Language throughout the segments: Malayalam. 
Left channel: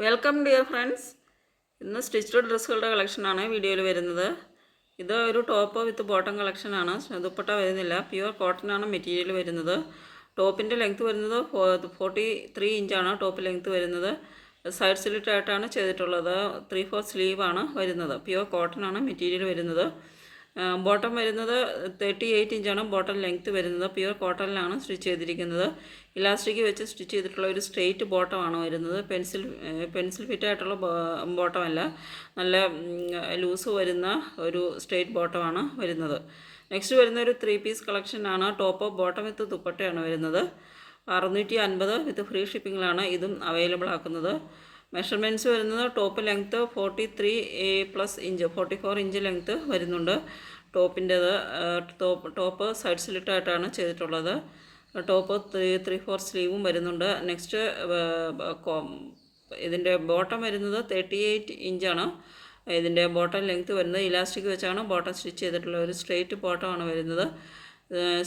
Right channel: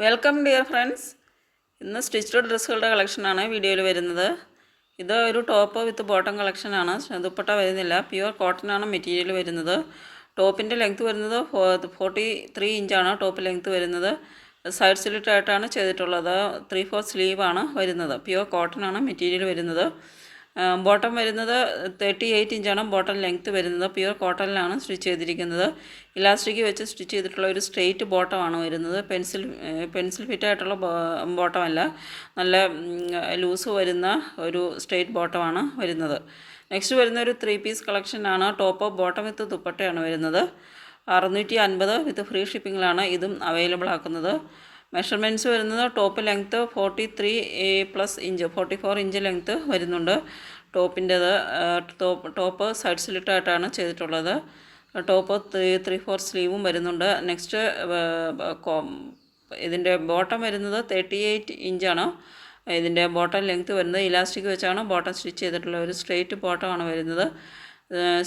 Welcome dear friends. ഇന്ന് സ്റ്റിച്ച്ഡ് ഡ്രസ്സുകളുടെ കളക്ഷനാണ് വീഡിയോയിൽ വരുന്നത്. ഇത് ഒരു ടോപ്പ് വിത്ത് ബോട്ടം കളക്ഷനാണ്. ദുപ്പട്ട വരുന്നില്ല. പ്യുവർ കോട്ടൺ ആണ് മെറ്റീരിയൽ വരുന്നത്. ടോപ്പിന്റെ ലെങ്ത് വരുന്നത് ഫോർട്ടി ത്രീ ഇഞ്ചാണ് ടോപ്പ് ലെങ്ത് വരുന്നത്. സൈഡ് സ്ലിറ്റായിട്ടാണ് ചെയ്തിട്ടുള്ളത്. ത്രീ ഫോർ സ്ലീവാണ് വരുന്നത്. പ്യുവർ കോട്ടൺ ആണ് മെറ്റീരിയൽ വരുന്നത്. ബോട്ടം വരുന്നത് തേർട്ടി എയ്റ്റ് ഇഞ്ചാണ് ബോട്ടം ലെങ്ത്ത് വരുന്നത്. പ്യുവർ കോട്ടണിലാണ് സ്റ്റിച്ച് ചെയ്തിരിക്കുന്നത്. ഇലാസ്റ്റിക് വെച്ച് സ്റ്റിച്ച് ചെയ്തിട്ടുള്ള ഒരു സ്ട്രെയിറ്റ് ബോട്ടമാണ് വരുന്നത്. പെൻസിൽ പെൻസിൽ ഫിറ്റ് ആയിട്ടുള്ള ബോട്ടമല്ല. നല്ല ലൂസ് വരുന്ന ഒരു സ്ട്രെയിറ്റ് ബോട്ടമാണ് വരുന്നത്. നെക്സ്റ്റ് വരുന്ന ഒരു ത്രീ പീസ് കളക്ഷനാണ് ടോപ്പ് ബോട്ടം വിത്ത് ദുപ്പട്ടയാണ് വരുന്നത്. അറുന്നൂറ്റി അൻപത് വിത്ത് ഫ്രീ ഷിപ്പിങ്ങിലാണ് ഇതും അവൈലബിൾ ആക്കുന്നത്. മെഷർമെന്റ്സ് വരുന്നത് top length forty three plus inch forty four inch length വരുന്നുണ്ട്. ടോപ്പിന്റേത് ടോപ്പ് ടോപ്പ് സൈഡ് സ്ലിറ്റായിട്ടാണ് ചെയ്തിട്ടുള്ളത്. ടോപ്പ് ത്രീ ത്രീ ഫോർ സ്ലീവും വരുന്നുണ്ട്. നെക്സ്റ്റ് ഇതിന്റെ ബോട്ടം വരുന്നത് തേർട്ടി എയ്റ്റ് ഇഞ്ചാണ്. ഇതിന്റെ ബോട്ടം ലെങ്ത്ത് വരുന്നത് ഇലാസ്റ്റിക് വെച്ചാണ്. ബോട്ടം സ്റ്റിച്ച് ചെയ്തിട്ടുള്ള ഒരു സ്ട്രെയിറ്റ് ബോട്ടമാണ് വരുന്നത്.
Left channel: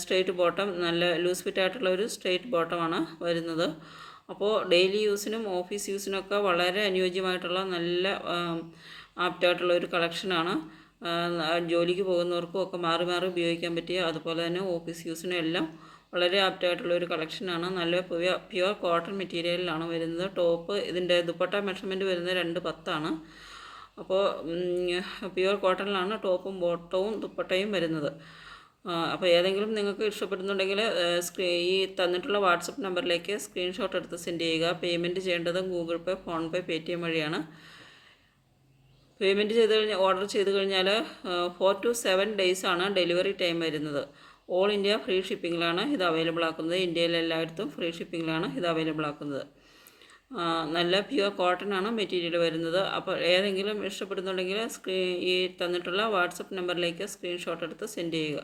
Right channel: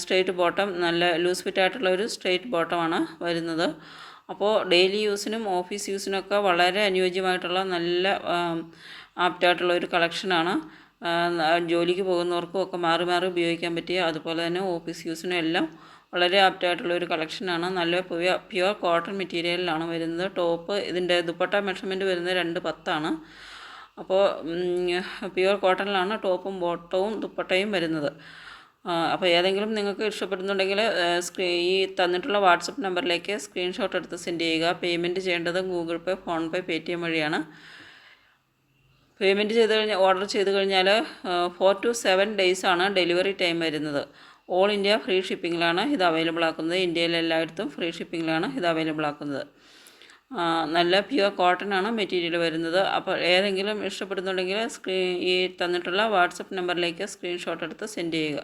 സ്ട്രെയിറ്റ് ബോട്ടം നല്ല ലൂസ് ഫിറ്റ് ആയിട്ടുള്ള ഒരു സ്ട്രെയിറ്റ് ബോട്ടമാണ് വരുന്നത്. അപ്പോൾ ഡെയിലി യൂസിനും ഓഫീസ് യൂസിനൊക്കെ വളരെ അനുയോജ്യമായിട്ടുള്ള നല്ല ആപ്റ്റായിട്ടുള്ള ഒരു കളക്ഷനാണ്. ജോലിക്ക് പോകുന്നവർക്കും ഒക്കെ മാറി മാറി ഉപയോഗിക്കാൻ പറ്റിയ അതുപോലെ തന്നെ ഓഫീസ് യൂസിനും എല്ലാം വളരെ ആപ്റ്റായിട്ടുള്ള ഒരു കളക്ഷനാണ് നല്ല പ്യുവർ പ്യുവർ കോട്ടൺ മെറ്റീരിയലിലാണ് വരുന്നത്. ടോപ്പ് ഇതിന്റെ ദുപ്പട്ട മെഷർമെന്റ് വരുന്നത് രണ്ട് പത്താണ്. അപ്പോൾ പ്യുവർ കോട്ടണിലാണ് ടോപ്പും ബോട്ടവും ദുപ്പട്ടയും വരുന്നത്. അപ്പോൾ ഏതെങ്കിലും നിങ്ങൾക്ക് ഇഷ്ടപ്പെടുന്നുണ്ടെങ്കിൽ സ്ക്രീ ഈ തന്നിട്ടുള്ള വാട്സപ്പ് നമ്പറിലേക്ക് സ്ക്രീൻഷോട്ട് എടുത്ത് സെൻഡ് ചെയ്യുക. പേയ്മെന്റ് ചെയ്യേണ്ടത് Google Pay phone Paytm വഴിയാണ്. പേയ്മെന്റ് ചെയ്ത് കഴിഞ്ഞാൽ ഓർഡർ ചെയ്ത് കഴിഞ്ഞാൽ ഫോർ ടു സെവൻ ഡേയ്സ് ആണ് ഡെലിവറി ടൈം വരുന്നത്. ഓൾ ഇന്ത്യ ഫ്രീ ഷിപ്പിങ്ങിലാണ് ഇത് അവൈലബിൾ ആക്കുന്നത്. ഇന്ത്യയിലെ എല്ലായിടത്തും ഫ്രീ ഷിപ്പിങ്ങിലാണ് ഇത് അവൈലബിൾ ആക്കുന്നത്. നല്ല പ്യുവർ കോട്ടൺ ആണ് മെറ്റീരിയൽ വരുന്നത്. അപ്പോൾ ഏതെങ്കിലും ഇഷ്ടപ്പെടുന്നുണ്ടെങ്കിൽ സ്ക്രീ ഈ തന്നിട്ടുള്ള വാട്സപ്പ് നമ്പറിലേക്ക് സ്ക്രീൻഷോട്ട് എടുത്ത് സെൻഡ് ചെയ്യുക.